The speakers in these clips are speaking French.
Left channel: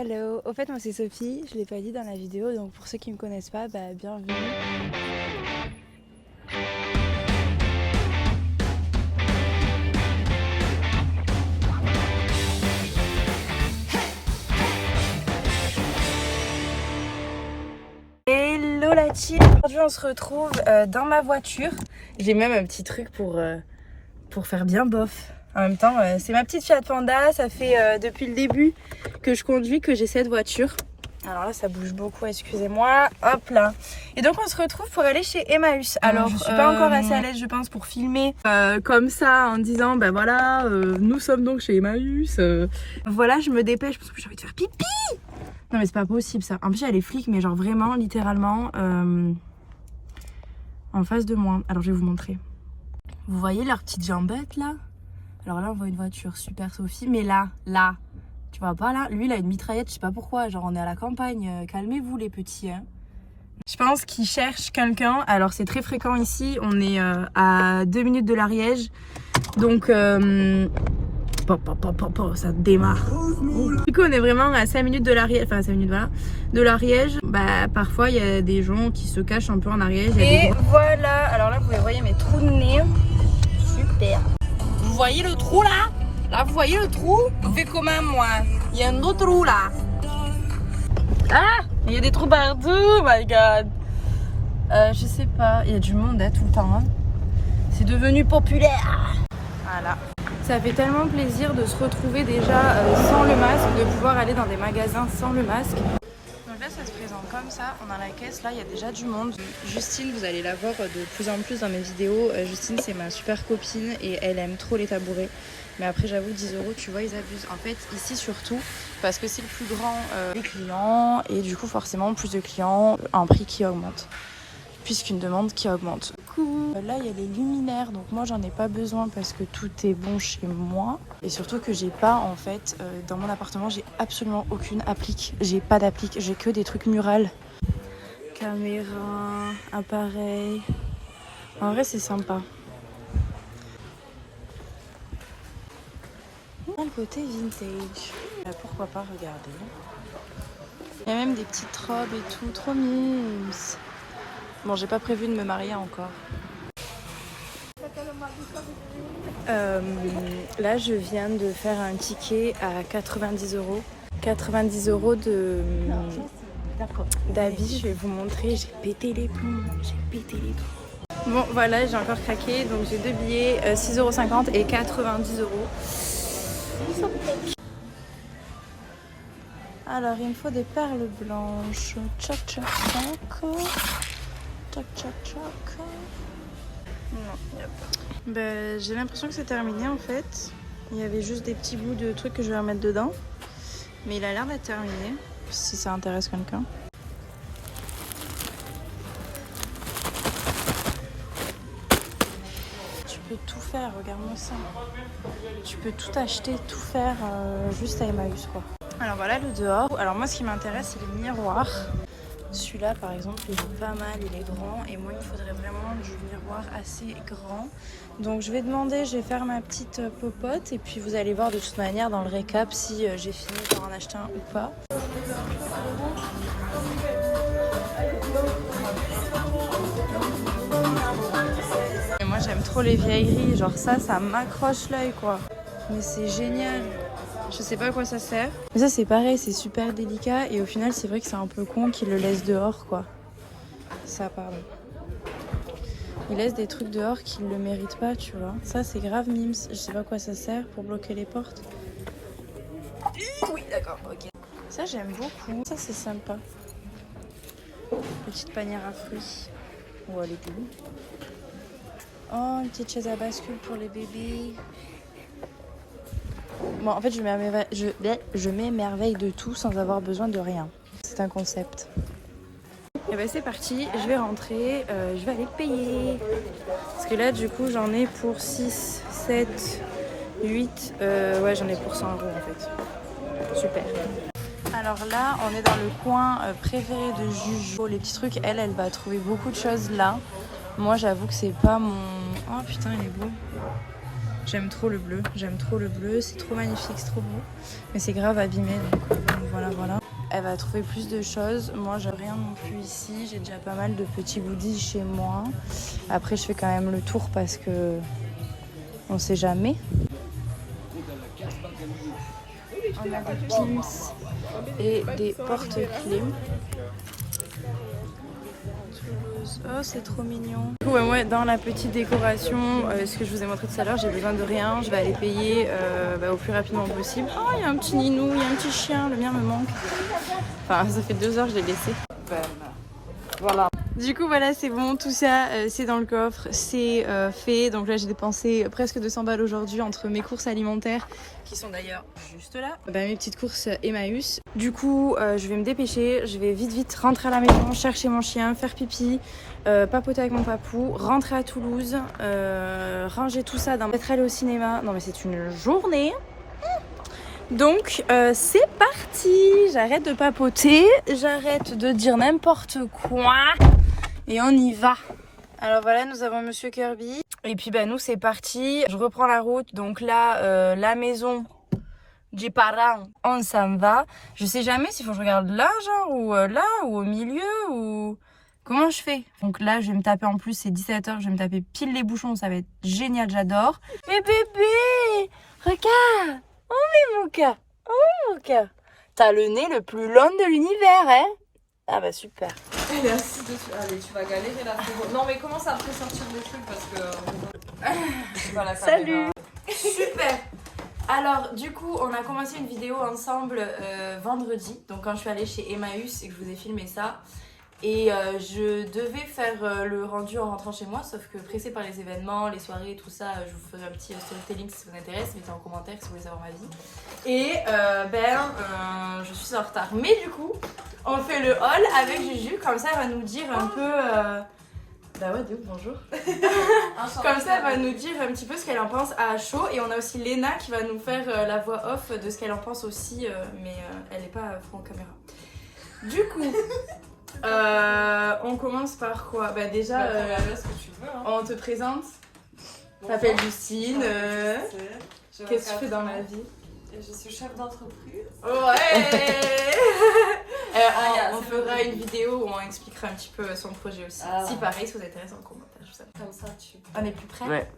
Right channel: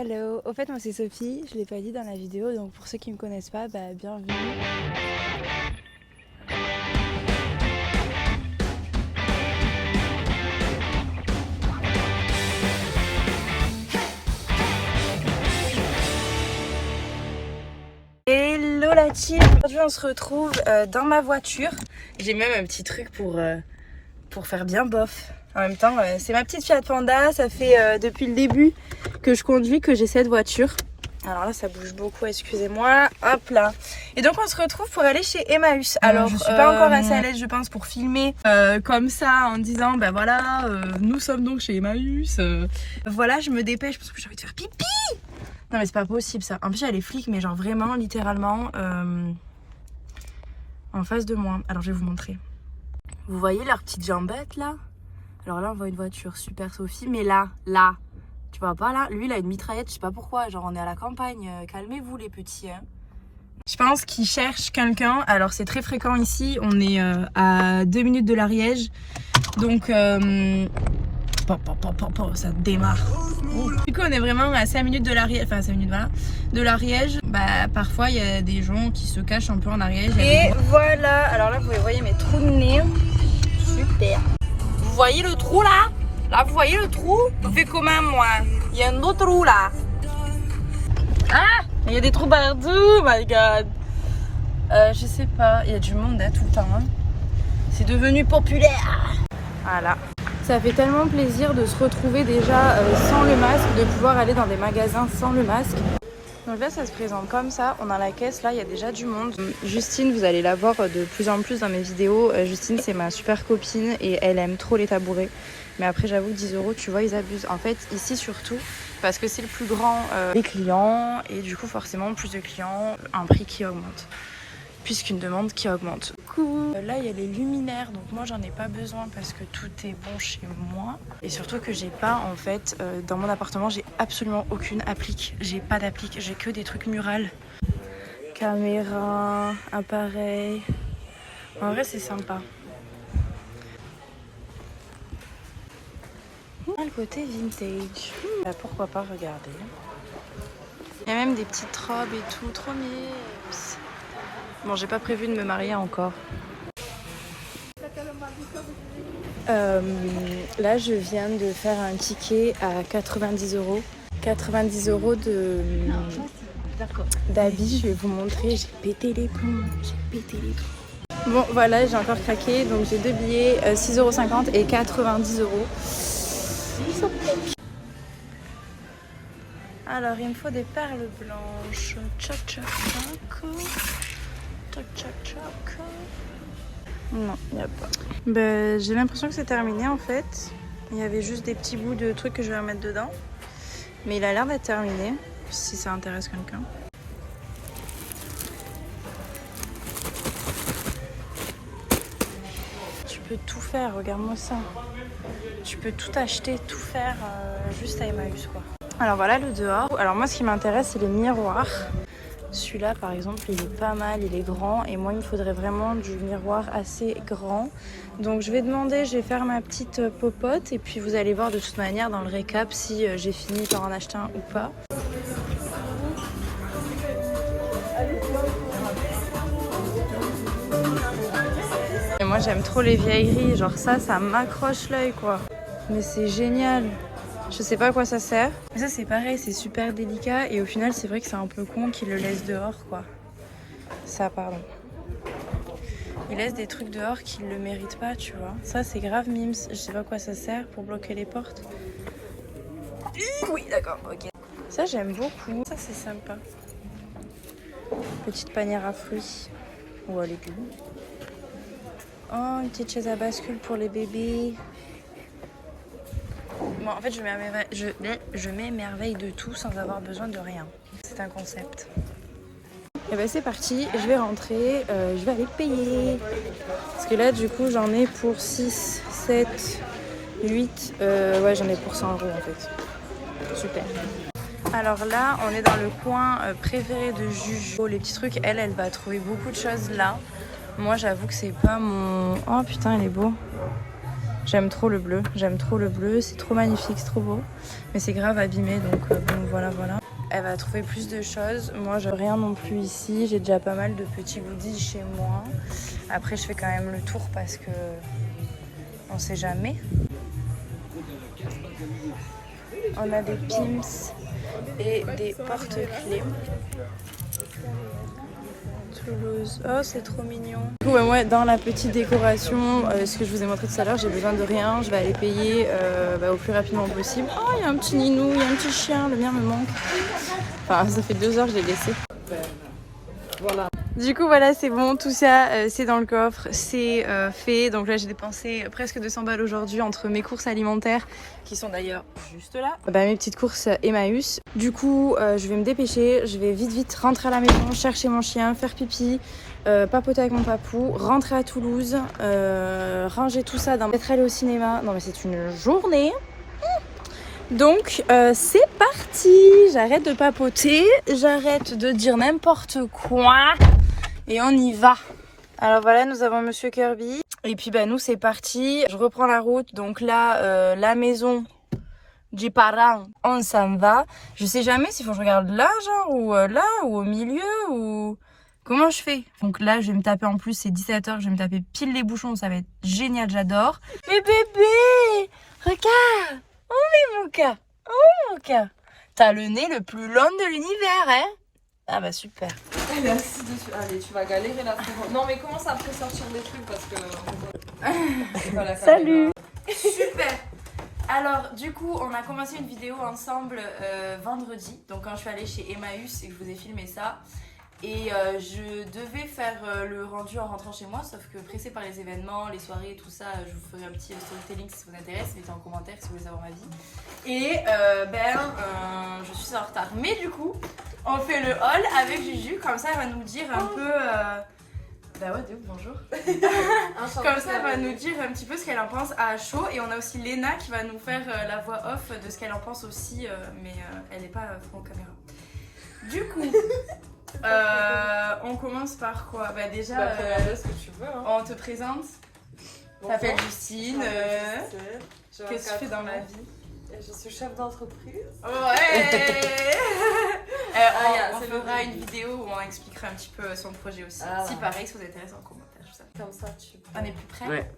Hello, au fait moi c'est Sophie, je l'ai pas dit dans la vidéo, donc pour ceux qui me connaissent pas, bienvenue. Hello la team, aujourd'hui on se retrouve dans ma voiture. J'ai même un petit truc pour faire bien bof. En même temps, c'est ma petite Fiat Panda, ça fait depuis le début que je conduis que j'ai cette voiture. Alors là, ça bouge beaucoup, excusez-moi. Hop là. Et donc, on se retrouve pour aller chez Emmaüs. Alors, je suis pas encore assez à l'aise, je pense, pour filmer comme ça, en disant, voilà, nous sommes donc chez Emmaüs. Voilà, je me dépêche parce que j'ai envie de faire pipi. Non, mais c'est pas possible, ça. En plus, il y a les flics, mais genre vraiment, littéralement, en face de moi. Alors, je vais vous montrer. Vous voyez leurs petites jambettes, là? Alors là, on voit une voiture, super Sophie. Mais là, tu vois pas là? Lui, il a une mitraillette, je sais pas pourquoi. Genre, on est à la campagne. Calmez-vous, les petits. Hein. Je pense qu'il cherche quelqu'un. Alors, c'est très fréquent ici. On est à 2 minutes de l'Ariège. Donc, ça démarre. Du coup, on est vraiment à 5 minutes de l'Ariège. Enfin, 5 minutes, voilà. De l'Ariège. Parfois, il y a des gens qui se cachent un peu en Ariège. Et voilà. Alors là, vous voyez mes trous de nez. Super. Vous voyez le trou là? Là, vous voyez le trou? On fait comment, moi? Il y a un autre trou, là. Ah! Il y a des trous partout, oh my god. Je sais pas, il y a du monde tout le temps. Hein. C'est devenu populaire. Voilà. Ça fait tellement plaisir de se retrouver déjà sans le masque, de pouvoir aller dans des magasins sans le masque. Donc là, ça se présente comme ça. On a la caisse, là, il y a déjà du monde. Justine, vous allez la voir de plus en plus dans mes vidéos. Justine, c'est ma super copine et elle aime trop les tabourets. Mais après, j'avoue, 10 €, tu vois, ils abusent. En fait, ici surtout, parce que c'est le plus grand, les clients. Et du coup, forcément, plus de clients, un prix qui augmente. Puisqu'une demande qui augmente. Là, il y a les luminaires. Donc moi, j'en ai pas besoin parce que tout est bon chez moi. Et surtout que j'ai pas, en fait, dans mon appartement, j'ai absolument aucune applique. J'ai pas d'applique, j'ai que des trucs murales. Caméra, appareil. En vrai, c'est sympa. Le côté vintage. Pourquoi pas regarder. Il y a même des petites robes et tout, trop mimes. Bon, j'ai pas prévu de me marier encore. Là, je viens de faire un ticket à 90 €. 90 € d'habits, je vais vous montrer. J'ai pété les plombs. Bon, voilà, j'ai encore craqué. Donc, j'ai 2 billets, 6,50 € et 90 €. Alors, il me faut des perles blanches. Tchac, tchac, tchac. Tchac, tchac, tchac. Non, il n'y a pas. J'ai l'impression que c'est terminé en fait. Il y avait juste des petits bouts de trucs que je vais remettre dedans. Mais il a l'air d'être terminé, si ça intéresse quelqu'un. Tu peux tout faire, regarde-moi ça. Tu peux tout acheter, tout faire juste à Emmaüs quoi. Alors voilà le dehors. Alors moi ce qui m'intéresse c'est les miroirs. Celui-là par exemple il est pas mal, il est grand et moi il me faudrait vraiment du miroir assez grand. Donc je vais demander, je vais faire ma petite popote et puis vous allez voir de toute manière dans le récap si j'ai fini par en acheter un ou pas. Et moi j'aime trop les vieilleries, genre ça m'accroche l'œil quoi. Mais c'est génial. Je sais pas à quoi ça sert. Mais ça c'est pareil, c'est super délicat et au final c'est vrai que c'est un peu con qu'ils le laissent dehors quoi. Ça pardon. Ils laissent des trucs dehors qu'ils le méritent pas tu vois. Ça c'est grave mimes, je sais pas à quoi ça sert pour bloquer les portes. Oui d'accord, ok. Ça j'aime beaucoup, ça c'est sympa. Petite panière à fruits. Oh elle est cool. Oh une petite chaise à bascule pour les bébés. Bon, en fait, je m'émerveille de tout sans avoir besoin de rien. C'est un concept. Et c'est parti, je vais rentrer, je vais aller payer. Parce que là, du coup, j'en ai pour 6, 7, 8. Ouais, j'en ai pour 100 € en fait. Super. Alors là, on est dans le coin préféré de Juju. Les petits trucs, elle va trouver beaucoup de choses là. Moi, j'avoue que c'est pas mon... Oh putain, il est beau. J'aime trop le bleu, c'est trop magnifique, c'est trop beau. Mais c'est grave abîmé, donc voilà. Elle va trouver plus de choses. Moi, j'ai rien non plus ici. J'ai déjà pas mal de petits goodies chez moi. Après, je fais quand même le tour parce que on sait jamais. On a des pins et des porte-clés. Toulouse. Oh, c'est trop mignon. Du coup, moi, dans la petite décoration, ce que je vous ai montré tout à l'heure, j'ai besoin de rien. Je vais aller payer au plus rapidement possible. Oh, il y a un petit ninou, il y a un petit chien. Le mien me manque. Enfin, ça fait 2 heures que je l'ai laissé. Voilà. Du coup, voilà, c'est bon. Tout ça, c'est dans le coffre. C'est fait. Donc là, j'ai dépensé presque 200 balles aujourd'hui entre mes courses alimentaires, qui sont d'ailleurs juste là. Mes petites courses Emmaüs. Du coup, je vais me dépêcher. Je vais vite rentrer à la maison, chercher mon chien, faire pipi, papoter avec mon papou, rentrer à Toulouse, ranger tout ça, peut-être aller au cinéma. Non, mais c'est une journée. Donc c'est parti, j'arrête de papoter, j'arrête de dire n'importe quoi et on y va. Alors voilà, nous avons Monsieur Kirby et puis nous c'est parti, je reprends la route. Donc là, la maison des parents, on s'en va. Je sais jamais s'il faut que je regarde là genre ou là ou au milieu ou comment je fais. Donc là je vais me taper, en plus c'est 17h, je vais me taper pile les bouchons, ça va être génial, j'adore. Mais bébé, regarde. Oh Mouka, t'as le nez le plus long de l'univers, hein? Ah bah super. Elle est assise dessus. Allez, tu vas galérer là. Non mais commence à après sortir des trucs parce que... Salut. Super. Alors du coup, on a commencé une vidéo ensemble vendredi. Donc quand je suis allée chez Emmaüs et que je vous ai filmé ça. Et je devais faire le rendu en rentrant chez moi, sauf que pressée par les événements, les soirées, tout ça, je vous ferai un petit storytelling si ça vous intéresse, mettez en commentaire si vous voulez savoir ma vie. Et je suis en retard. Mais du coup, on fait le haul avec Juju, comme ça elle va nous dire un peu... Bah ouais, bonjour. Comme ça elle va nous dire un petit peu ce qu'elle en pense à chaud. Et on a aussi Léna qui va nous faire la voix off de ce qu'elle en pense aussi, mais elle n'est pas front caméra. Du coup... on commence par quoi? Déjà, ce que tu veux, hein. On te présente. Bon, t'appelles Justine. Qu'est-ce que tu fais dans la vie? Je suis chef d'entreprise. Ouais. On fera une vidéo où on expliquera un petit peu son projet aussi. Si pareil, si vous intéresse en commentaire. Comme ça, tu peux. On est plus prêts? Ouais.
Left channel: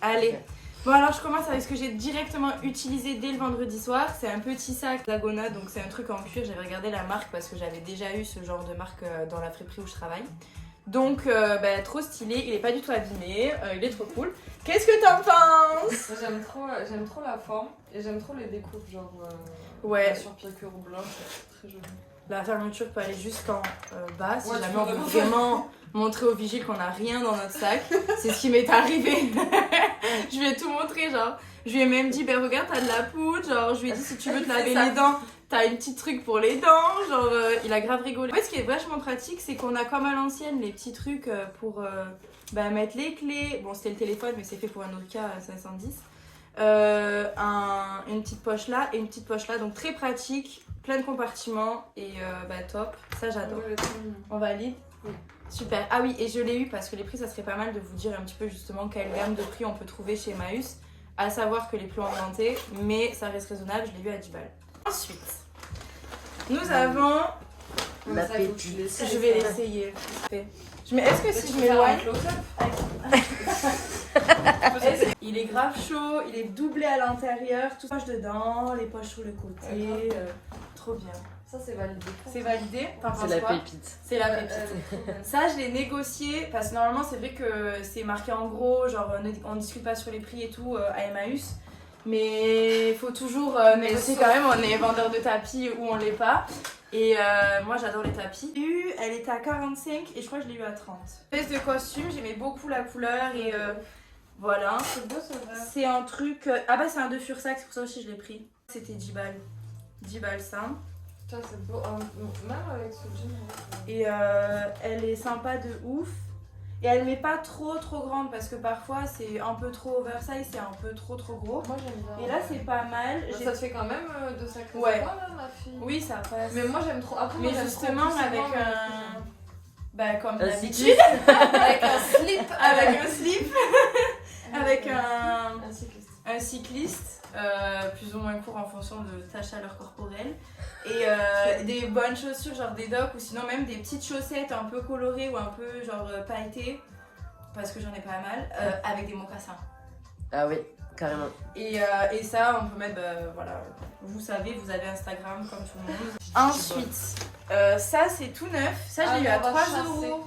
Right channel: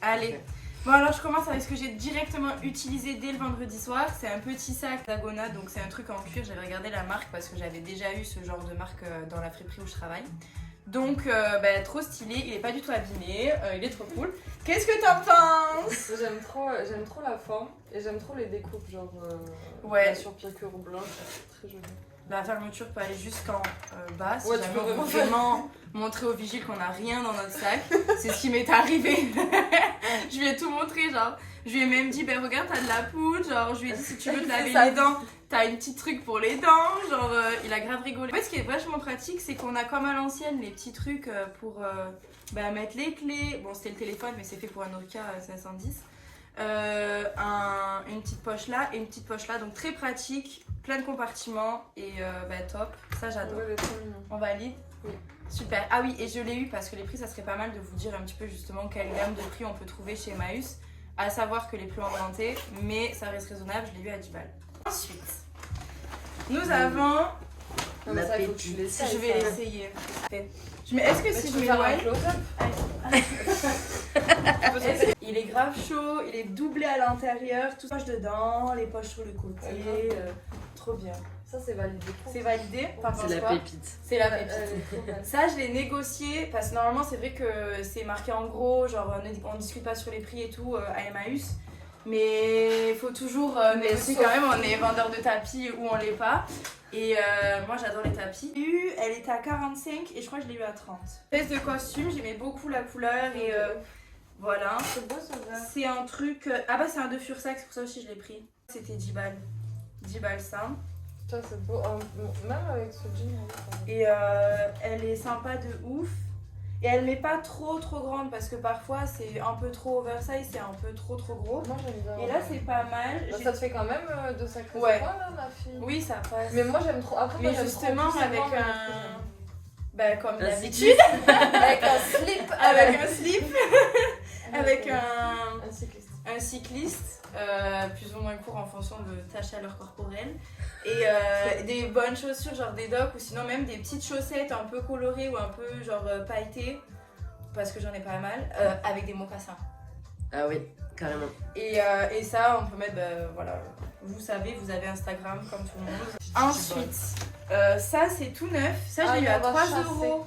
Allez. Okay. Bon alors je commence avec ce que j'ai directement utilisé dès le vendredi soir. C'est un petit sac d'Agona, donc c'est un truc en cuir. J'avais regardé la marque parce que j'avais déjà eu ce genre de marque dans la friperie où je travaille. Donc trop stylé, il est pas du tout abîmé, il est trop cool. Qu'est-ce que t'en penses? J'aime trop la forme et j'aime trop les découpes, genre sur piqûre blanche, très joli. La fermeture peut aller jusqu'en bas, si jamais on veut vraiment montrer au vigile qu'on n'a rien dans notre sac. C'est ce qui m'est arrivé. Je lui ai tout montré, genre. Je lui ai même dit, regarde, t'as de la poudre. Genre, je lui ai dit, si tu veux te laver les dents, t'as une petite truc pour les dents. Genre, il a grave rigolé. En fait, ce qui est vachement pratique, c'est qu'on a comme à l'ancienne les petits trucs pour mettre les clés. Bon, c'était le téléphone, mais c'est fait pour un Nokia 510. Une petite poche là et une petite poche là, donc très pratique, plein de compartiments et top, ça j'adore. On valide? Oui. Super. Ah oui, et je l'ai eu parce que les prix, ça serait pas mal de vous dire un petit peu justement quelle gamme de prix on peut trouver chez Emmaüs, à savoir que les prix ont augmenté, mais ça reste raisonnable, je l'ai eu à 10 balles. Ensuite, nous avons la pépite. Je vais l'essayer. Est-ce que si je m'éloigne, il est grave chaud, il est doublé à l'intérieur, tout poche dedans, les poches sur le côté, trop bien. Ça c'est validé. C'est validé. C'est la pépite. C'est la pépite. Ça je l'ai négocié parce que normalement c'est vrai que c'est marqué en gros, genre on discute pas sur les prix et tout à Emmaüs. Mais il faut toujours négocier quand même, on est vendeur de tapis ou on l'est pas. Et moi j'adore les tapis. Elle était à 45 et je crois que je l'ai eu à 30. Espèce de costume, j'aimais beaucoup la couleur et voilà. C'est beau ça va. C'est un truc... c'est un de Fursac, c'est pour ça aussi je l'ai pris. C'était 10 balles. 10 balles ça. Ça c'est beau, même avec ce jean. Et elle est sympa de ouf. Et elle n'est pas trop grande parce que parfois c'est un peu trop oversize, c'est un peu trop gros. Moi j'aime bien. Et là c'est pas mal. Ça te fait quand même de sacrés ouais. Pas là ma fille. Oui ça passe. Mais moi j'aime trop. Après, mais moi, justement trop avec un... comme d'habitude. Avec un slip. Avec un slip. Avec un... cycliste. un cycliste, plus ou moins court en fonction de ta chaleur corporelle, et des bonnes chaussures, genre des docks, ou sinon même des petites chaussettes un peu colorées ou un peu genre pailletées, parce que j'en ai pas mal, avec des mocassins. Ah oui, carrément. Et ça, on peut mettre, voilà, vous savez, vous avez Instagram comme tout le monde. Ensuite, ça c'est tout neuf, ça je l'ai eu à 3 €.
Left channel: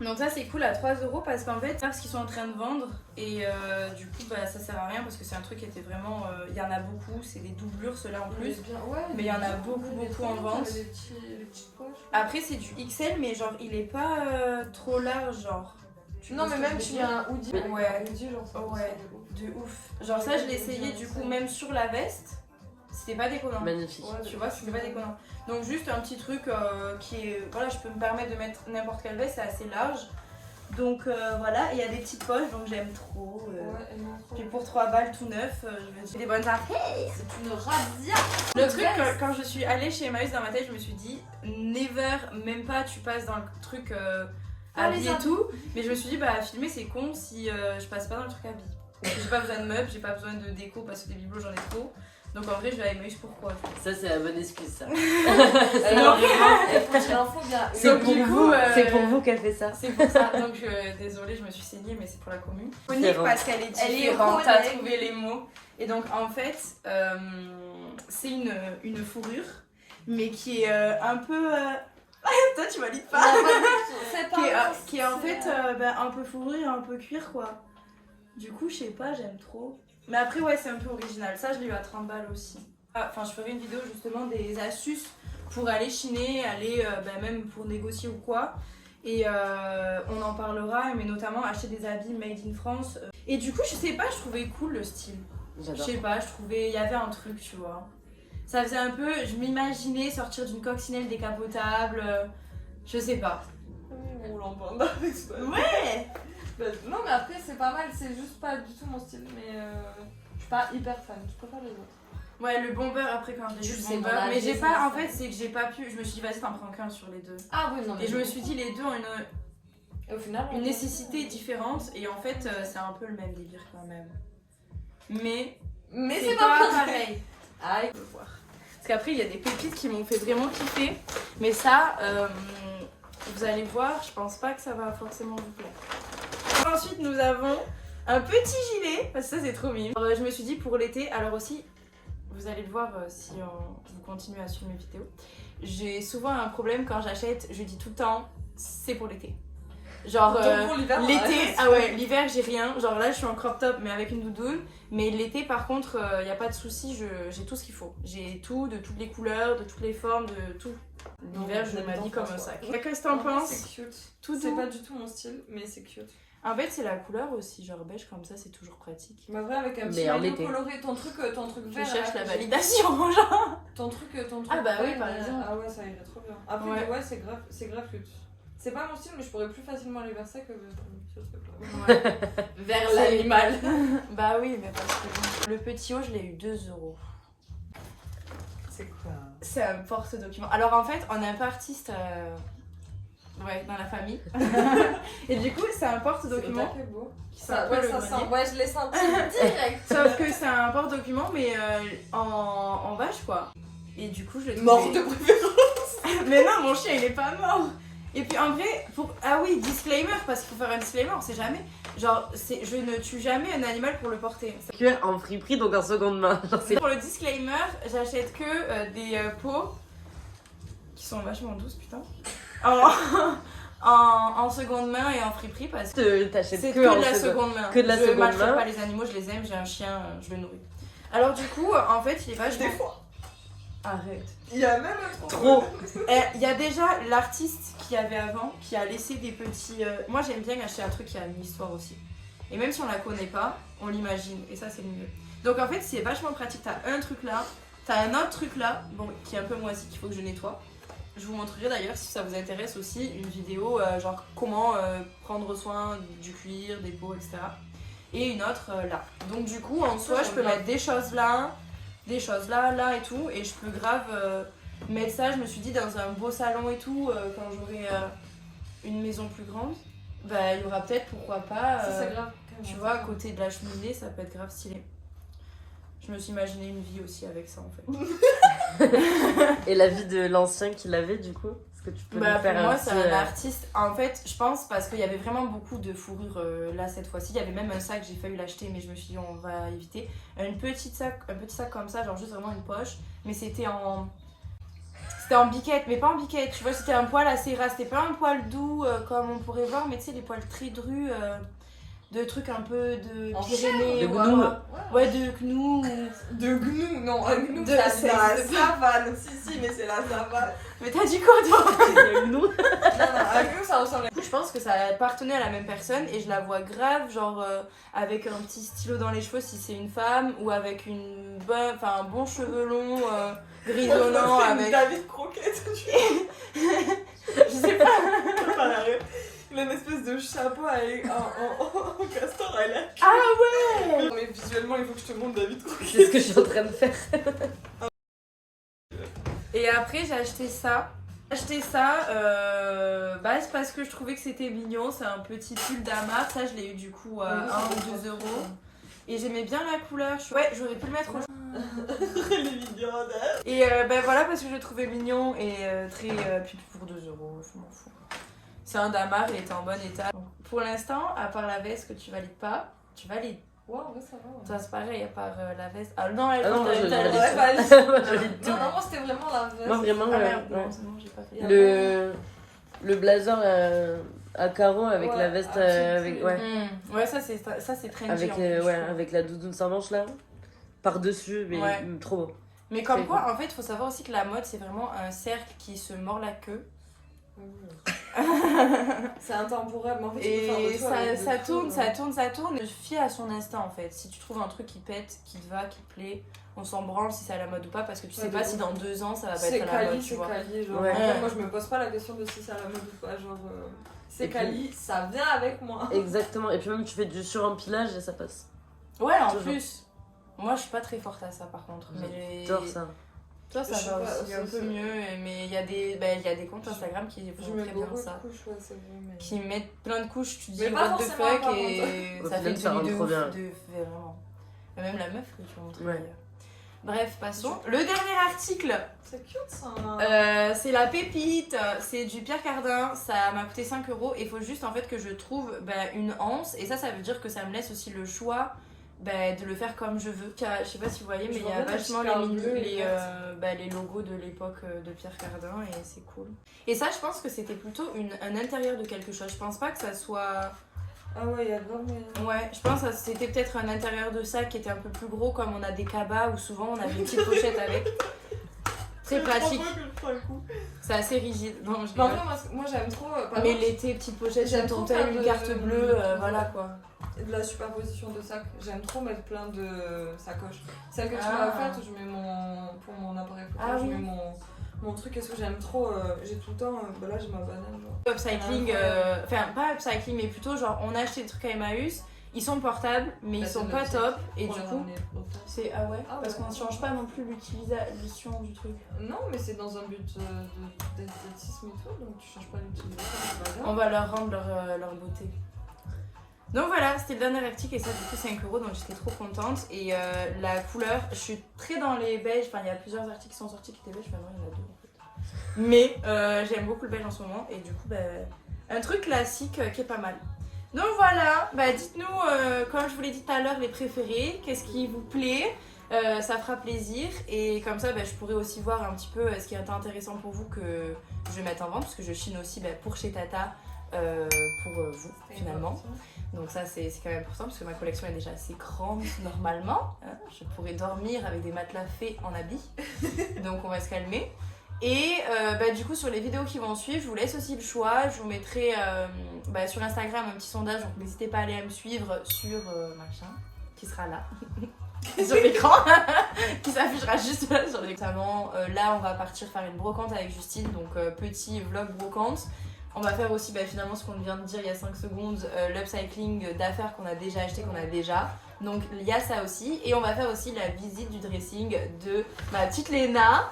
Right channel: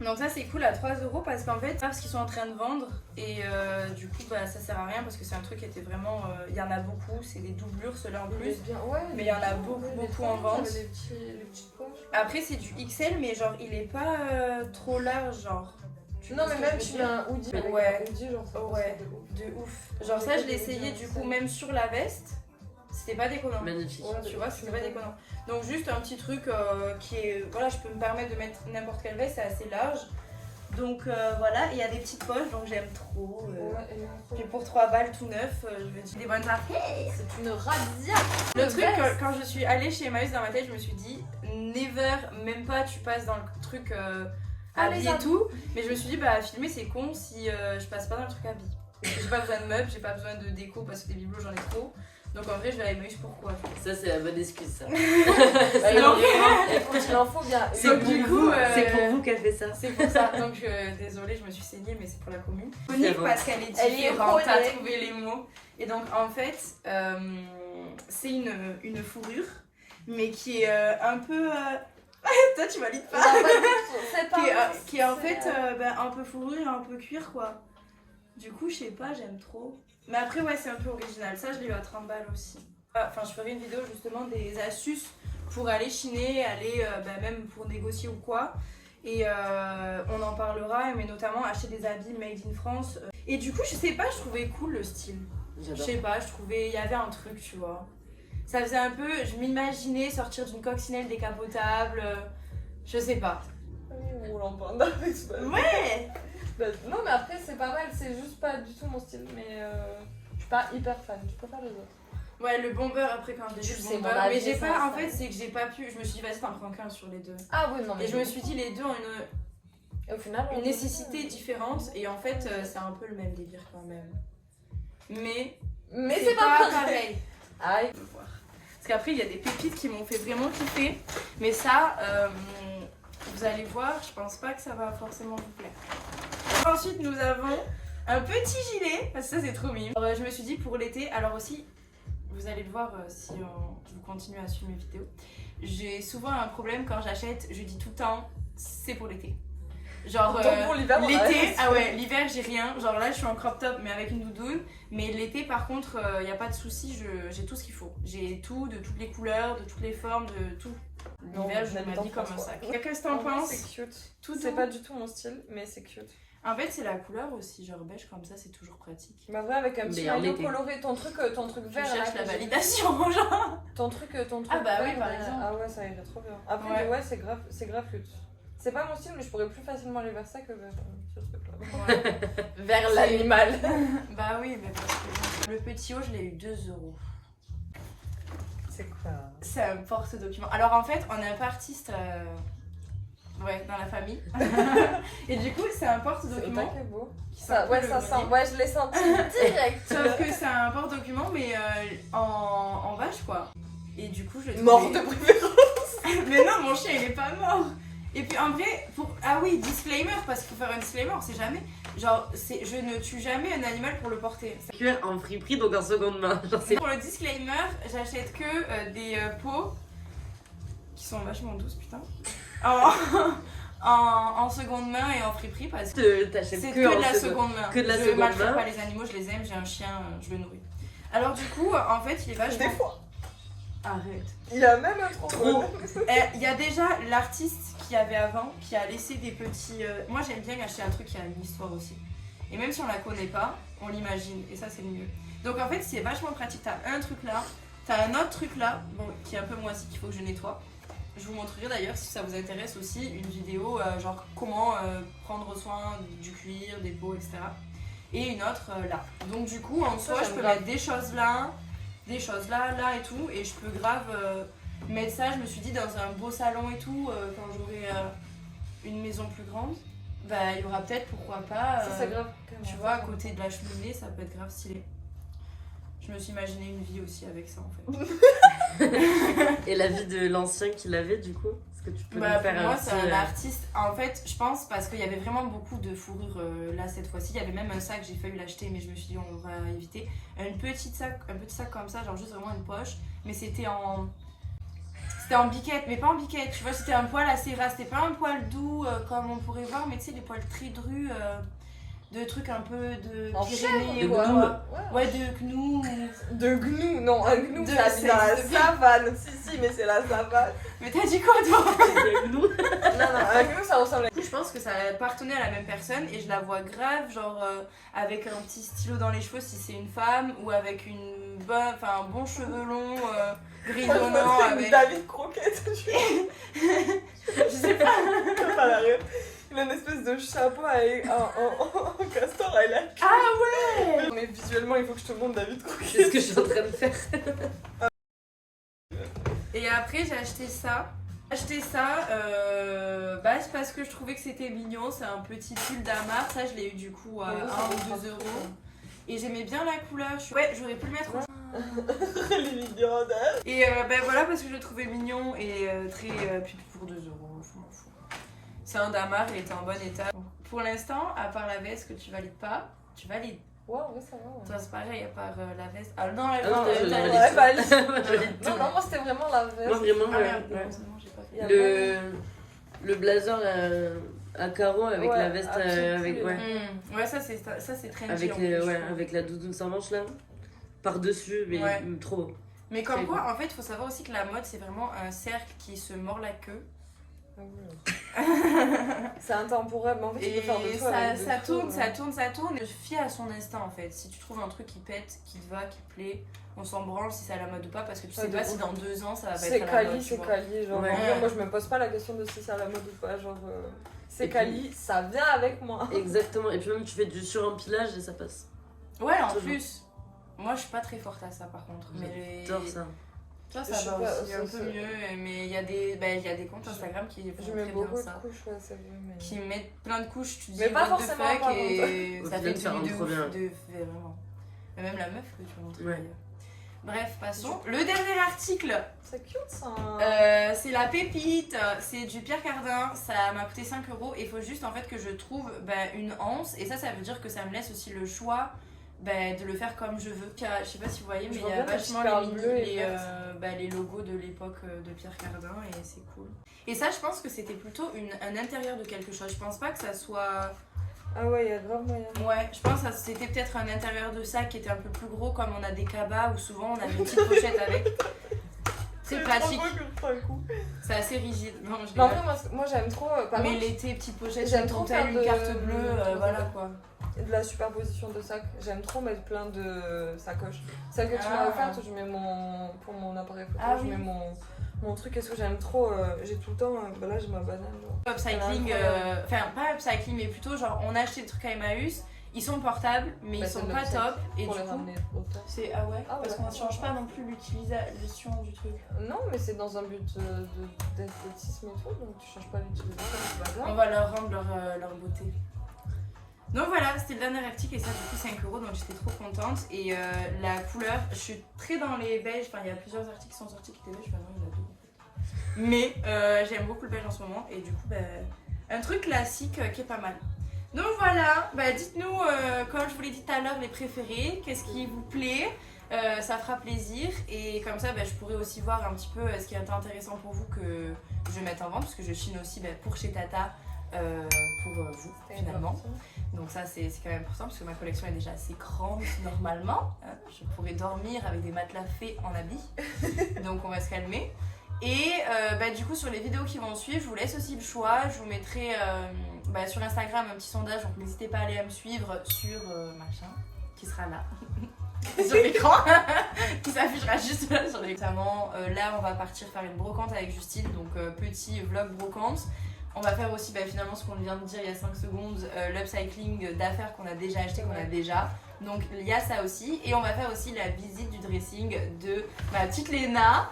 Donc ça c'est cool à 3 € parce qu'en fait, parce qu'ils sont en train de vendre et du coup bah, ça sert à rien parce que c'est un truc qui était vraiment, il y en a beaucoup, c'est des doublures ceux-là en plus, mais il y en a beaucoup en vente. Les petites poches. Après c'est du XL mais genre il est pas trop large genre. Non mais même tu mets un hoodie avec Ouais. un hoodie genre ça Ouais, de ouf. Genre ça je l'ai essayé du coup même sur la veste, c'était pas déconnant. Magnifique. Ouais, tu vois, c'était pas déconnant. Donc juste un petit truc qui est, voilà, je peux me permettre de mettre n'importe quelle veste, c'est assez large. Donc voilà, et il y a des petites poches, donc j'aime trop. Puis pour 3 balles tout neuf, je me dis des bonnes arcades. C'est une razzia. Le truc, quand je suis allée chez Emmaüs dans ma tête, je me suis dit, never, même pas tu passes dans le truc habillé et tout. Mais je me suis dit, bah filmer c'est con si je passe pas dans le truc habillé. J'ai pas besoin de meubles, j'ai pas besoin de déco parce que des bibelots j'en ai trop. Donc en vrai je vais à Emmaüs pourquoi. Ça c'est la bonne excuse ça. Alors il en faut bien. C'est pour vous qu'elle fait ça. C'est pour ça, donc désolée je me suis saignée mais c'est pour la commune. Unique parce qu'elle est Elle est différente, iconique. t'as trouvé les mots. Et donc en fait c'est une fourrure mais qui est un peu... Toi tu valides pas. C'est pas qui est en fait un peu fourrure, un peu cuir quoi. Du coup je sais pas, j'aime trop. Mais après ouais c'est un peu original, ça je l'ai eu à 30 balles aussi. Enfin je ferai une vidéo justement des astuces pour aller chiner, aller même pour négocier ou quoi. Et on en parlera, mais notamment acheter des habits made in France. Et du coup je sais pas, je trouvais cool le style. Je J'adore. sais pas, je trouvais, il y avait un truc tu vois. Ça faisait un peu, je m'imaginais sortir d'une coccinelle décapotable, je sais pas. Oui, roulant panda. Ouais. Non mais après c'est pas mal, c'est juste pas du tout mon style, mais je suis pas hyper fan, je préfère les autres. Ouais, le bomber après quand j'ai vu C'est le mon bomber, avis, mais j'ai ça, pas, ça. en fait c'est que j'ai pas pu, je me suis dit vas-y t'en prends qu'un sur les deux. Ah oui non mais Et je me suis dit les deux ont et au final une nécessité différente et en fait c'est un peu le même délire quand même. Mais c'est pas pareil. Ah, Parce qu'après il y a des pépites qui m'ont fait vraiment kiffer, mais ça vous allez voir, je pense pas que ça va forcément vous plaire. Ensuite nous avons un petit gilet, parce que ça c'est trop mignon. Je me suis dit pour l'été, alors aussi vous allez le voir si vous continuez à suivre mes vidéos, j'ai souvent un problème quand j'achète, je dis tout le temps c'est pour l'été. Genre donc pour l'hiver, l'été, ah ouais, l'hiver j'ai rien, genre là je suis en crop top mais avec une doudoune, mais l'été par contre y a pas de souci, j'ai tout ce qu'il faut. J'ai tout, de toutes les couleurs, de toutes les formes, de tout. L'hiver je m'habille comme un sac. Qu'est-ce que t'en penses? C'est cute. Tout C'est doux. pas du tout mon style, mais c'est cute. En fait c'est la couleur aussi, genre beige comme ça c'est toujours pratique. Mais vrai avec un petit Mais en maillot été. coloré, ton truc Je vert cherche là, la que j'ai- validation genre. ton truc Ah bah oui, vert, par exemple. Ah ouais ça irait trop bien. Après Ouais. ouais, c'est grave cute. C'est pas mon style mais je pourrais plus facilement aller vers ça que vers ce truc là. Vers l'animal. Bah oui mais parce que le petit haut je l'ai eu 2 €. C'est quoi? C'est un porte-document. Alors en fait, on est un peu artiste ouais, dans la famille. Et du coup, c'est un porte-document. C'est beau. qui Ça, s'appelle ouais, le ça sent. grenier. Ouais, je l'ai senti direct. Sauf que c'est un porte-document, mais en vache quoi. Et du coup, je l'ai Mort trouvé- de préférence. Mais non, mon chien il est pas mort. Et puis en vrai, ah oui, disclaimer, parce qu'il faut faire un disclaimer, on sait jamais. Genre, je ne tue jamais un animal pour le porter. Cuir en friperie donc en seconde main. Genre, c'est- Pour le disclaimer, j'achète que des peaux qui sont vachement douces, putain. En seconde main et en friperie parce que T'achètes c'est que que en de la seconde. seconde main. que de la Je seconde maltraite main. pas les animaux, je les aime, j'ai un chien, je le nourris. Alors du coup, en fait, il est vachement... Des fois. Arrête. Il y a même un Trop. Il y a déjà l'artiste qu'il y avait avant qui a laissé des petits... Moi j'aime bien acheter un truc qui a une histoire aussi. Et même si on la connaît pas, on l'imagine et ça c'est le mieux. Donc en fait c'est vachement pratique, t'as un truc là, t'as un autre truc là, bon, qui est un peu moisi qu'il faut que je nettoie. Je vous montrerai d'ailleurs si ça vous intéresse aussi une vidéo genre comment prendre soin du cuir, des peaux, etc. Et une autre là. Donc du coup en soi je peux mettre des choses là et tout et je peux grave mettre ça, je me suis dit dans un beau salon et tout quand j'aurai une maison plus grande. bah il y aura peut-être, pourquoi pas, Ça, c'est grave. tu vois, à côté de la cheminée, ça peut être grave stylé. Je me suis imaginé une vie aussi avec ça en fait. Et la vie de l'ancien qu'il avait du coup? Est-ce que tu peux nous Bah faire pour moi un c'est petit, un artiste, en fait je pense parce qu'il y avait vraiment beaucoup de fourrure là cette fois-ci. Il y avait même un sac, j'ai failli l'acheter mais je me suis dit on va éviter. Un petit sac comme ça, genre juste vraiment une poche, mais c'était en biquette, mais pas en biquette, tu vois, c'était un poil assez ras, c'était pas un poil doux comme on pourrait voir, mais tu sais les poils très drus, de trucs un peu de En Pyrénées, de ouais, gnou. ouais, de gnou. De gnou, non, un gnou, De- ça c'est- dans la c'est- savane. Si, mais c'est la savane. Mais t'as dit quoi toi? nous? Non, un gnou, ça ressemble à... Du coup, je pense que ça appartenait à la même personne et je la vois grave, genre avec un petit stylo dans les cheveux si c'est une femme, ou avec un bon cheveux long grisonnant avec. David Croquette. Je sais pas. Il a une espèce de chapeau avec un castor à la queue. Ah ouais. Mais visuellement, il faut que je te montre David Croquette. C'est ce que je suis en train de faire. Et après, j'ai acheté ça. C'est parce que je trouvais que c'était mignon. C'est un petit pull d'Amar. Ça, je l'ai eu du coup à 1 ou 2 euros. Et j'aimais bien la couleur. Ouais, j'aurais pu le mettre au. Elle est mignonne. Et voilà, parce que je le trouvais mignon et très. Puis pour 2 euros, je m'en fous. C'est un damar, il était en bon état. Donc, pour l'instant, à part la veste que tu valides pas, tu valides. Ouais, ouais, ça va. Ouais. Toi, c'est pareil, à part la veste. Ah non, Ah non, moi je t'as- valide ouais, tout. valide. Moi, je valide tout. Non, moi c'était vraiment la veste. Moi vraiment, Ah merde, ouais. non, c'est bon, j'ai pas fait. Y a Le blazer à carreaux avec Ouais, la veste un petit avec pull. ouais Ouais, ça c'est trendy. avec en plus, je trouve. avec la doudoune sans manche là par dessus mais Ouais. trop beau. Mais comme Très quoi, en fait, il faut savoir aussi que la mode, c'est vraiment un cercle qui se mord la queue. C'est intemporel, mais en fait, tu peux Et faire de tout. avec ça de tourne, tout, ça ouais. tourne, ça tourne. Je fie à son instinct en fait. Si tu trouves un truc qui pète, qui te va, qui te plaît, on s'en branle si c'est à la mode ou pas, parce que tu Ouais, sais de pas ouf. si dans 2 ans ça va pas C'est être à la mode. quali, Tu c'est vois. quali. Genre, Ouais. en vrai, moi je me pose pas la question de si c'est à la mode ou pas. Genre, c'est Et puis- quali, ça vient avec moi. Exactement et puis même tu fais du surempilage et ça passe. Ouais, en Toujours. plus. Moi, je suis pas très forte à ça par contre. Mais J'adore ça. toi, ça Je sais va pas, aussi un c'est- peu mieux. Mais il y a des comptes Instagram qui Je font mets très beaucoup bien de ça. couches, ouais, c'est vrai. Mais... Qui mettent plein de couches, tu te dis Mais pas what the forcément, fuck par et Au ça final, fait ça une rend tenue de trop ouf, bien. vraiment. Et même la meuf que tu montres. Ouais. Bref, passons. Le dernier article, C'est cute ça. c'est la pépite, c'est du Pierre Cardin, ça m'a coûté 5 euros et il faut juste en fait que je trouve une anse et ça veut dire que ça me laisse aussi le choix de le faire comme je veux. Je sais pas si vous voyez mais Je il vois y a bien ta vachement petite les, perle bleue et les logos de l'époque de Pierre Cardin et c'est cool. Et ça je pense que c'était plutôt un intérieur de quelque chose, je pense pas que ça soit... Ah ouais, il y a grave moyen. Ouais, je pense que c'était peut-être un intérieur de sac qui était un peu plus gros comme on a des cabas où souvent on a des petites pochettes avec. Très pratique. C'est assez rigide. Non, je Mais en rigole. vrai, moi j'aime trop. Par Mais exemple, l'été, petite pochette, j'aime j'aime trop ton faire tel, de- une carte bleue, voilà quoi. de la superposition de sacs. J'aime trop mettre plein de sacoches. Celle que tu m'as Ah. offerte où je mets pour mon appareil photo, Ah je oui. mets mon truc. Est-ce que j'aime trop j'ai tout le temps. Là j'ai ma banane. Genre. Upcycling, Incroyable. enfin pas upcycling, mais plutôt genre on a acheté des trucs à Emmaüs, ils sont portables, mais Bah, ils sont c'est de pas l'upcycling. top. Et Pour du les coup, ramener autant. c'est ah ouais, Ah parce ouais. qu'on ne change pas non plus l'utilisation du truc. Non, mais c'est dans un but d'esthétisme et tout, donc tu changes pas l'utilisation du bazar. On va leur rendre leur beauté. Donc voilà, c'était le dernier article et ça du coup 5 euros donc j'étais trop contente. Et la couleur, je suis très dans les beiges, enfin il y a plusieurs articles qui sont sortis qui étaient beiges, maintenant il y en a 2 en fait. Mais j'aime beaucoup le beige en ce moment et du coup un truc classique qui est pas mal. Donc voilà, dites-nous comme je vous l'ai dit tout à l'heure les préférés, qu'est-ce qui vous plaît. Ça fera plaisir et comme ça je pourrais aussi voir un petit peu ce qui est intéressant pour vous que je vais mettre en vente parce que je chine aussi pour chez Tata pour vous finalement. Donc ça c'est quand même important parce que ma collection est déjà assez grande normalement. Hein. Je pourrais dormir avec des matelas faits en habit. Donc on va se calmer. Et du coup sur les vidéos qui vont suivre, je vous laisse aussi le choix. Je vous mettrai sur Instagram un petit sondage, donc n'hésitez pas à aller à me suivre sur machin qui sera là. Sur l'écran qui s'affichera juste là sur l'écran. Notamment là on va partir faire une brocante avec Justine, donc petit vlog brocante. On va faire aussi finalement ce qu'on vient de dire il y a 5 secondes, l'upcycling d'affaires qu'on a déjà acheté, qu'on a déjà. Donc il y a ça aussi. Et on va faire aussi la visite du dressing de ma petite Léna.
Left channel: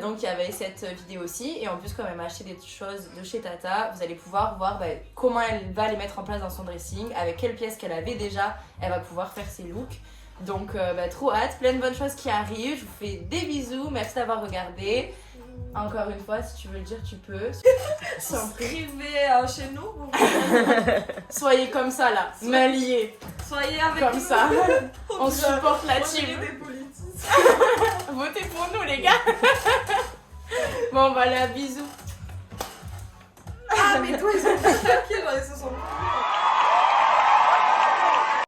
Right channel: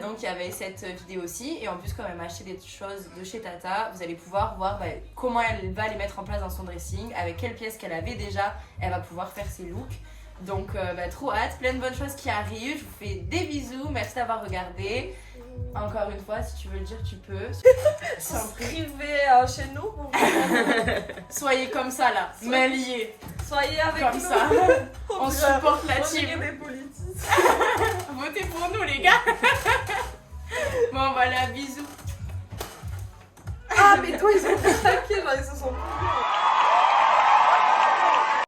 Donc il y avait cette vidéo aussi. Et en plus, quand elle m'a acheté des choses de chez Tata, vous allez pouvoir voir comment elle va les mettre en place dans son dressing, avec quelles pièces qu'elle avait déjà, elle va pouvoir faire ses looks. Donc trop hâte, plein de bonnes choses qui arrivent. Je vous fais des bisous, merci d'avoir regardé. Encore une fois, si tu veux le dire, tu peux. Souscrivez chez nous. Soyez comme ça là, main liée. Soyez avec Comme nous. ça. On supporte la On dirait team. des politiques. Votez pour nous les gars. Bon voilà, bisous. Ah mais toi ils ont claqué, ils se sont